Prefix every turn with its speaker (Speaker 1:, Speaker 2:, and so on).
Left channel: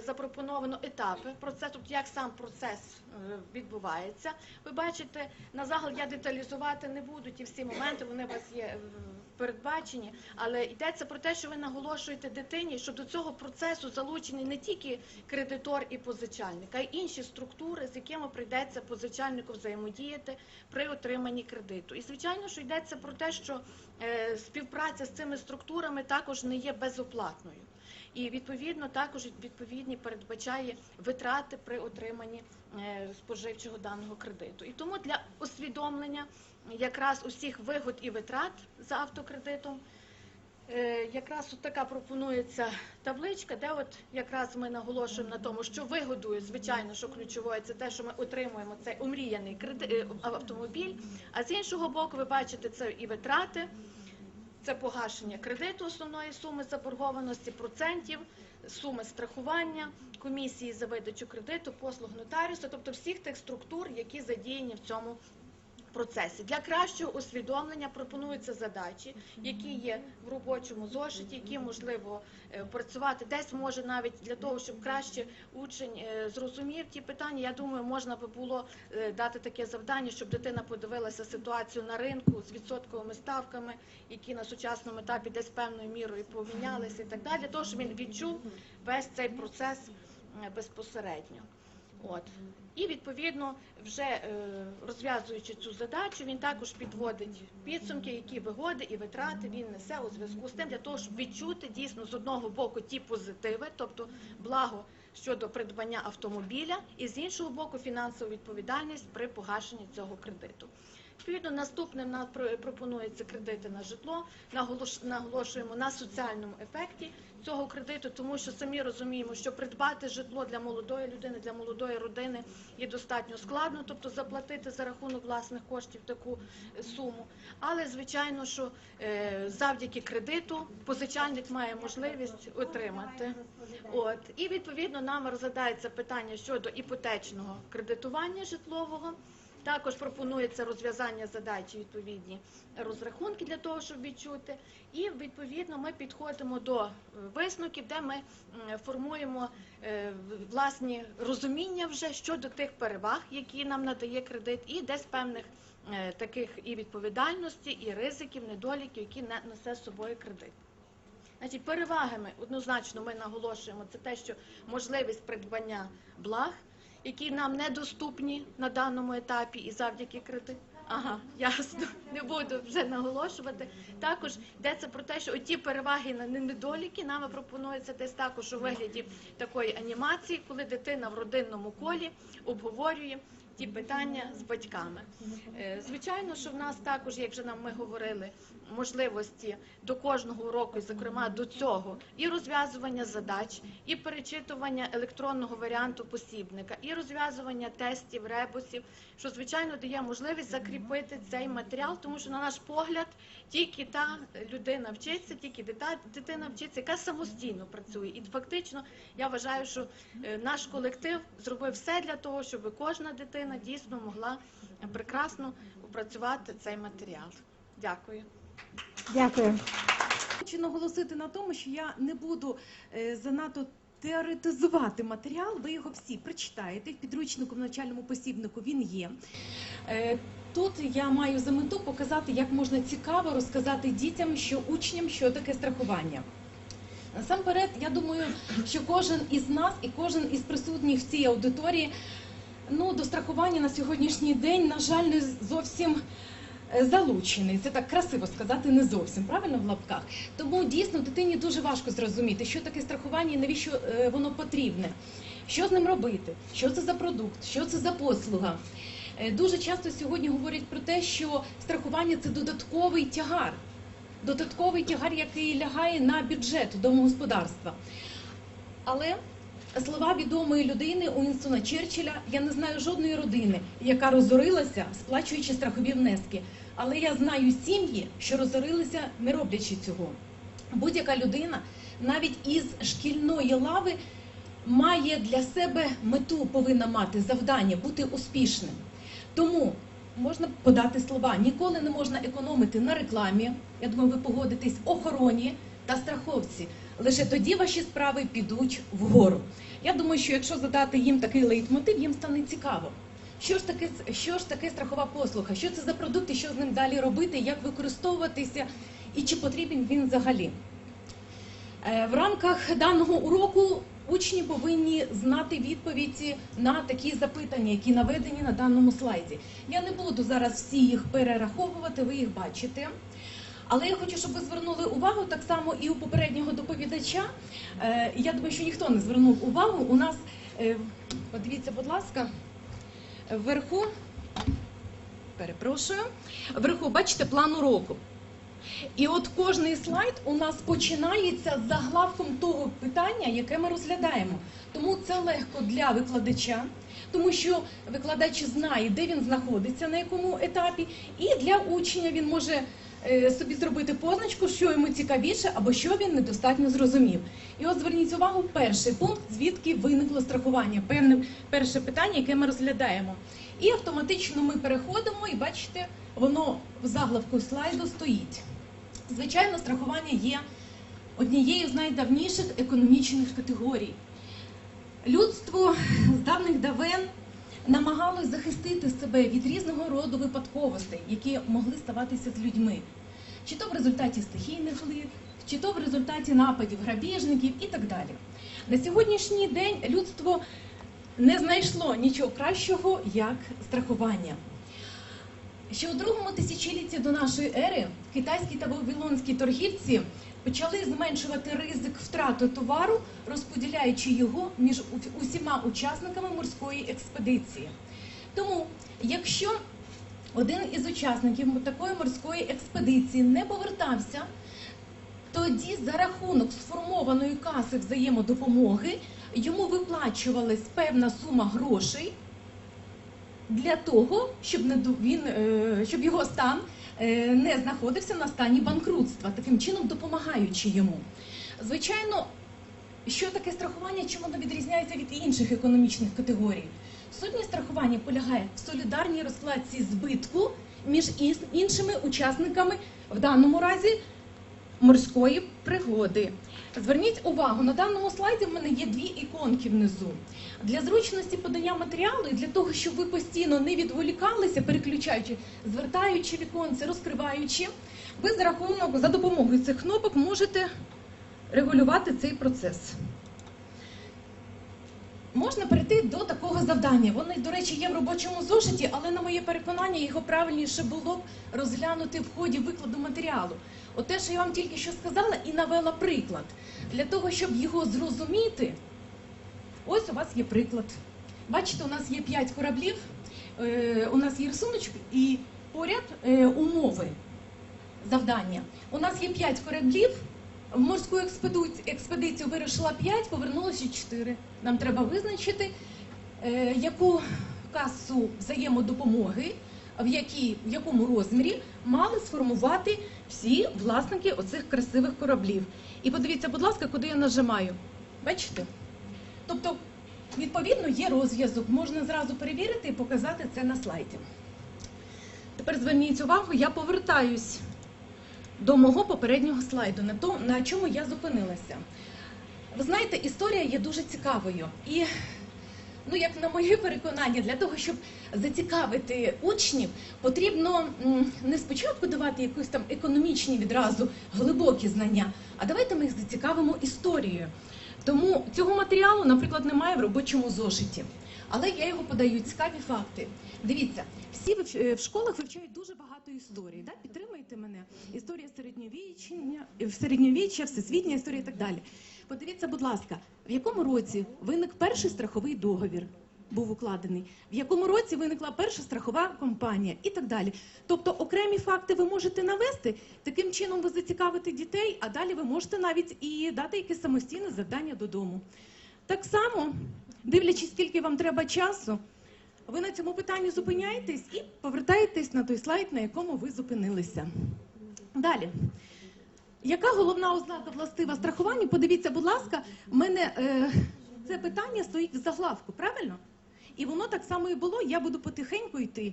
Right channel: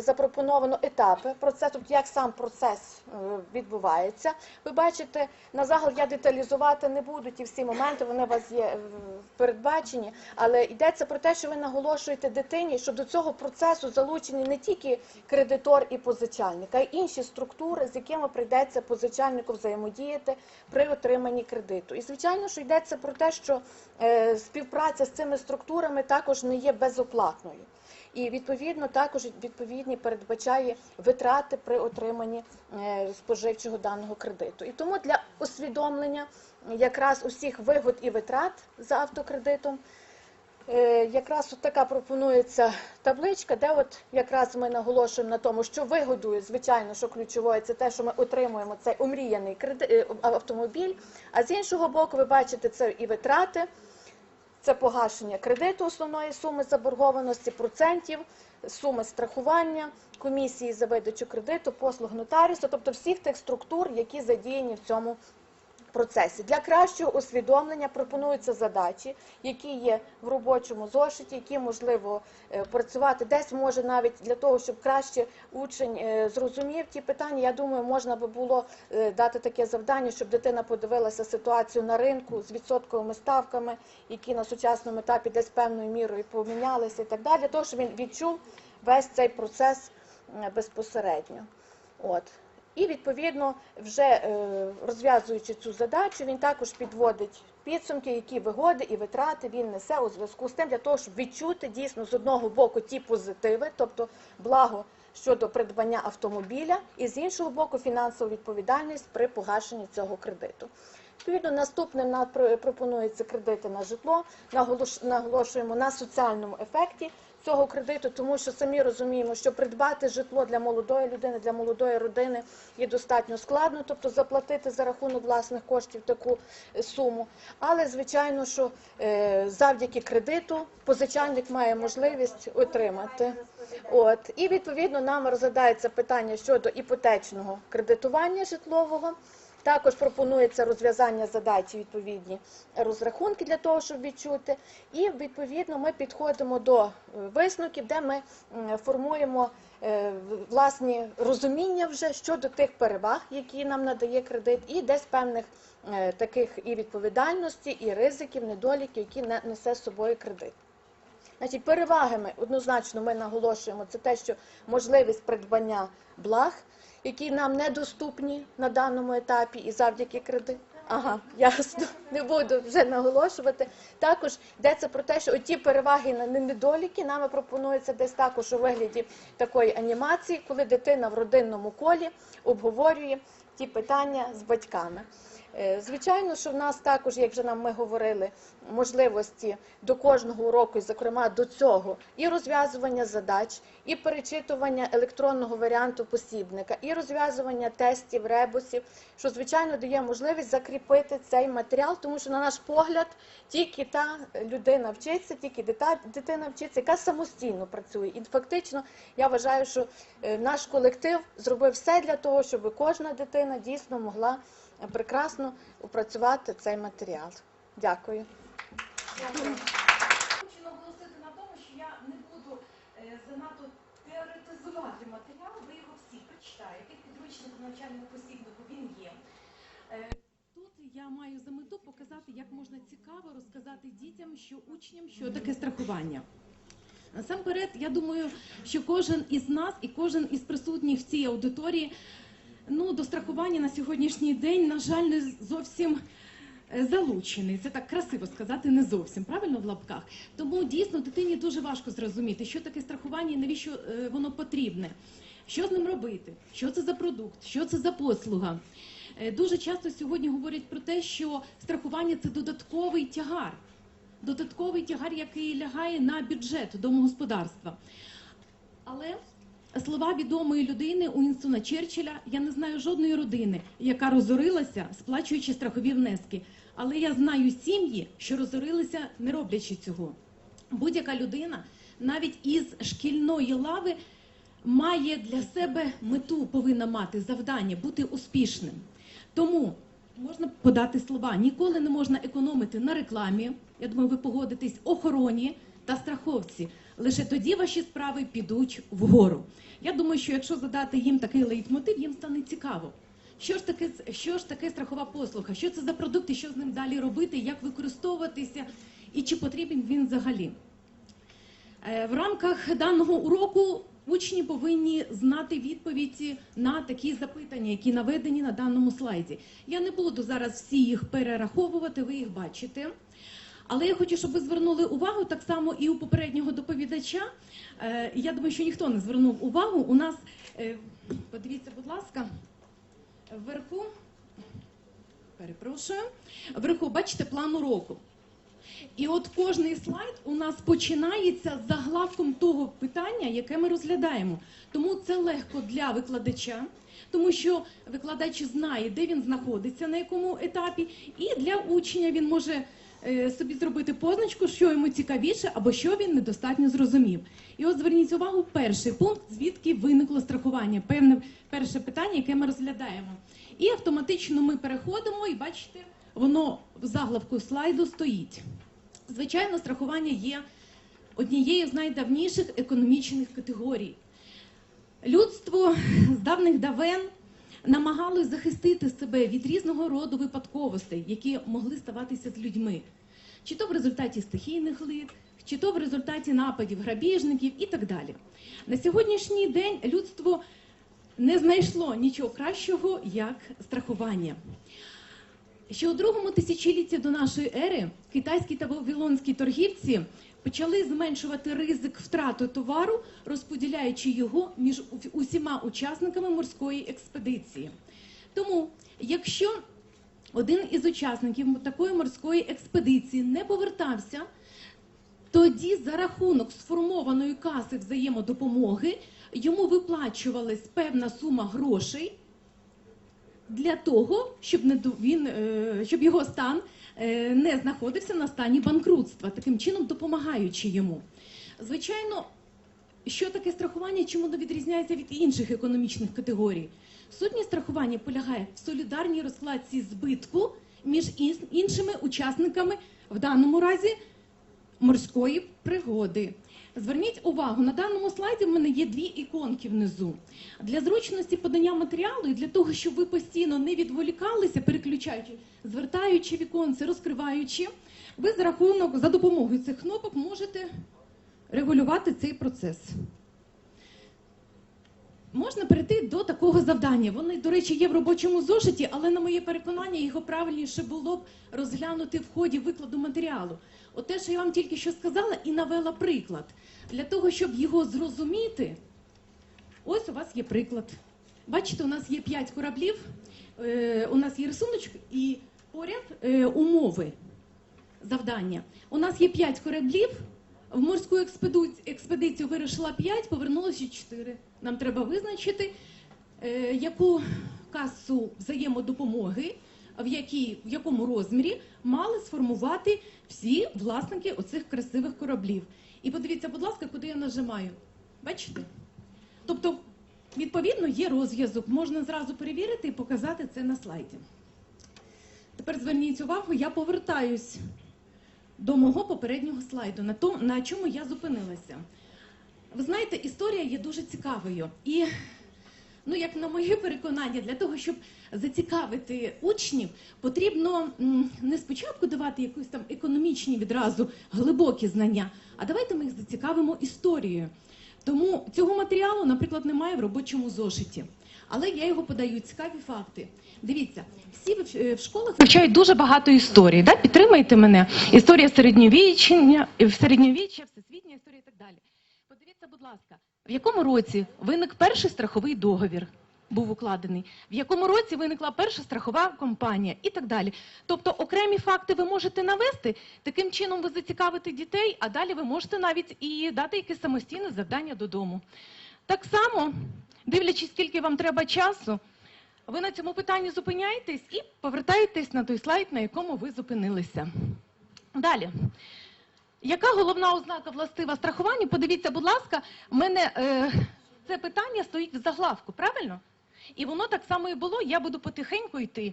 Speaker 1: запропоновано етапи процесу, тобто як сам процес е, відбувається. Ви бачите, на загал я деталізувати не буду ті всі моменти, вони у вас є е, передбачені, але йдеться про те, що ви наголошуєте дитині, що до цього процесу залучені не тільки кредитор і позичальник, а й інші структури, з якими прийдеться позичальнику взаємодіяти при отриманні кредиту. І звичайно, що йдеться про те, що е, співпраця з цими структурами також не є безоплатною. І відповідно також відповідні передбачає витрати при отриманні е, споживчого даного кредиту. І тому для усвідомлення якраз усіх вигод і витрат за автокредитом. е, Якраз от така пропонується табличка, де от якраз ми наголошуємо на тому, що вигодує, звичайно, що ключовою, це те, що ми отримуємо цей омріяний кредит, е, автомобіль. А з іншого боку, ви бачите, це і витрати, це погашення кредиту основної суми заборгованості, процентів, суми страхування, комісії за видачу кредиту, послуг нотаріуса, тобто всіх тих структур, які задіяні в цьому процесі. Для кращого усвідомлення пропонуються задачі, які є в робочому зошиті, які можливо е, працювати десь може навіть для того, щоб краще учень е, зрозумів ті питання. Я думаю, можна би було е, дати таке завдання, щоб дитина подивилася ситуацію на ринку з відсотковими ставками, які на сучасному етапі десь певною мірою помінялися і так далі, для того, щоб він відчув весь цей процес безпосередньо. От. І відповідно, вже е, розв'язуючи цю задачу, він також підводить підсумки, які вигоди і витрати він несе у зв'язку з тим, для того, щоб відчути дійсно з одного боку ті позитиви, тобто благо щодо придбання автомобіля, і з іншого боку фінансову відповідальність при погашенні цього кредиту. Відповідно, наступним на пропонується кредити на житло. Наголош- наголошуємо на соціальному ефекті цього кредиту, тому що самі розуміємо, що придбати житло для молодої людини, для молодої родини є достатньо складно, тобто заплатити за рахунок власних коштів таку е, суму. Але звичайно, що е, завдяки кредиту позичальник має можливість отримати. От і відповідно нам розглядається питання щодо іпотечного кредитування житлового. Також пропонується розв'язання задачі відповідні розрахунки для того, щоб відчути. І відповідно ми підходимо до е, висновків, де ми формуємо е, власні розуміння вже щодо тих переваг, які нам надає кредит, і десь певних е, таких і відповідальності, і ризиків, недоліків, які не- несе з собою кредит. Значить, перевагами однозначно ми наголошуємо це те, що можливість придбання благ, які нам недоступні на даному етапі, і завдяки кредиту. Ага, ясно, не буду вже наголошувати. Також йдеться про те, що оті переваги на недоліки нами пропонується десь також у вигляді такої анімації, коли дитина в родинному колі обговорює ті питання з батьками. Е, Звичайно, що в нас також, як вже нам ми говорили, можливості до кожного уроку, зокрема до цього, і розв'язування задач, і перечитування електронного варіанту посібника, і розв'язування тестів, ребусів, що звичайно дає можливість закріпити цей матеріал, тому що на наш погляд тільки та людина вчиться, тільки дитина вчиться, яка самостійно працює. І фактично я вважаю, що е, наш колектив зробив все для того, щоб кожна дитина дійсно могла прекрасно опрацювати цей матеріал. Дякую.
Speaker 2: Дякую. Хочу наголосити на тому, що я не буду е, занадто теоретизувати матеріал. Ви його всі прочитаєте. В підручнику в навчальному посібнику він є. Е, Тут я маю за мету показати, як можна цікаво розказати дітям, що учням, що таке страхування. Насамперед, я думаю, що кожен із нас і кожен із присутніх в цій аудиторії ну, до страхування на сьогоднішній день, на жаль, не зовсім е, залучений. Це так красиво сказати, не зовсім правильно в лапках. Тому дійсно дитині дуже важко зрозуміти, що таке страхування і навіщо е, воно потрібне, що з ним робити, що це за продукт, що це за послуга. Е, Дуже часто сьогодні говорять про те, що страхування це додатковий тягар, додатковий тягар, який лягає на бюджет домогосподарства. Але слова відомої людини Уінстона Черчилля я не знаю жодної родини, яка розорилася, сплачуючи страхові внески. Але я знаю сім'ї, що розорилися, не роблячи цього. Будь-яка людина, навіть із шкільної лави, має для себе мету, повинна мати завдання бути успішним. Тому можна подати слова: ніколи не можна економити на рекламі. Я думаю, ви погодитесь, охороні та страховці. Лише тоді ваші справи підуть вгору. Я думаю, що якщо задати їм такий лейтмотив, їм стане цікаво. Що ж таке, що ж таке страхова послуга? Що це за продукт і що з ним далі робити, як використовуватися і чи потрібен він взагалі? Е, В рамках даного уроку учні повинні знати відповіді на такі запитання, які наведені на даному слайді. Я не буду зараз всі їх перераховувати, ви їх бачите. Але я хочу, щоб ви звернули увагу так само і у попереднього доповідача. Е, Я думаю, що ніхто не звернув увагу. У нас е, подивіться, будь ласка, вверху, перепрошую, вверху бачите план уроку. І от кожний слайд у нас починається з заглавком того питання, яке ми розглядаємо. Тому це легко для викладача, тому що викладач знає, де він знаходиться, на якому етапі, і для учня він може собі зробити позначку, що йому цікавіше або що він недостатньо зрозумів. І от зверніть увагу, перший пункт, звідки виникло страхування, певне перше питання, яке ми розглядаємо. І автоматично ми переходимо, і бачите, воно в заглавку слайду стоїть. Звичайно, страхування є однією з найдавніших економічних категорій. Людство з давних давен намагалось захистити себе від різного роду випадковостей, які могли ставатися з людьми, чи то в результаті стихійних лих, чи то в результаті нападів грабіжників і так далі. На сьогоднішній день людство не знайшло нічого кращого, як страхування. Ще у другому тисячолітті до нашої ери китайські та вавилонські торгівці почали зменшувати ризик втрати товару, розподіляючи його між усіма учасниками морської експедиції. Тому, якщо один із учасників такої морської експедиції не повертався, тоді за рахунок сформованої каси взаємодопомоги йому виплачувалась певна сума грошей для того, щоб не він е, щоб його стан не знаходився на стані банкрутства, таким чином допомагаючи йому. Звичайно, що таке страхування, чим воно відрізняється від інших економічних категорій? Сутність страхування полягає в солідарній розкладці збитку між іншими учасниками, в даному разі морської пригоди. Зверніть увагу, на даному слайді в мене є дві іконки внизу. Для зручності подання матеріалу і для того, щоб ви постійно не відволікалися, переключаючи, звертаючи віконці, розкриваючи, ви за рахунок за допомогою цих кнопок можете регулювати цей процес. Можна перейти до такого завдання. Воно, до речі, є в робочому зошиті, але на моє переконання його правильніше було б розглянути в ході викладу матеріалу. От те, що я вам тільки що сказала, і навела приклад. Для того, щоб його зрозуміти, ось у вас є приклад. Бачите, у нас є 5 кораблів, е, у нас є рисуночок і поряд е, умови завдання. У нас є 5 кораблів, в морську експедицію, вирішила 5, повернулося 4. Нам треба визначити, е, яку касу взаємодопомоги, в якому розмірі мали сформувати всі власники оцих красивих кораблів. І подивіться, будь ласка, куди я нажимаю. Бачите? Тобто, відповідно, є розв'язок. Можна зразу перевірити і показати це на слайді. Тепер зверніть увагу, я повертаюсь до мого попереднього слайду, на, тому, на чому я зупинилася. Ви знаєте, історія є дуже цікавою. І, ну, як на моє переконання, для того, щоб зацікавити учнів, потрібно не спочатку давати якісь там економічні відразу глибокі знання, а давайте ми їх зацікавимо історією. Тому цього матеріалу, наприклад, немає в робочому зошиті. Але я його подаю цікаві факти. Дивіться, всі в, е, школах вивчають дуже багато історій. Да? Підтримайте мене. Історія середньовіччя, середньовіччя, всесвітня історія і так далі. Подивіться, будь ласка, в якому році виник перший страховий договір? Був укладений, в якому році виникла перша страхова компанія і так далі. Тобто окремі факти ви можете навести, таким чином ви зацікавите дітей, а далі ви можете навіть і дати якесь самостійне завдання додому. Так само, дивлячись, скільки вам треба часу, ви на цьому питанні зупиняєтесь і повертаєтесь на той слайд, на якому ви зупинилися. Далі. Яка головна ознака властива страхування? Подивіться, будь ласка, в мене е, це питання стоїть в заглавку, правильно? І воно так само і було. Я буду потихеньку йти.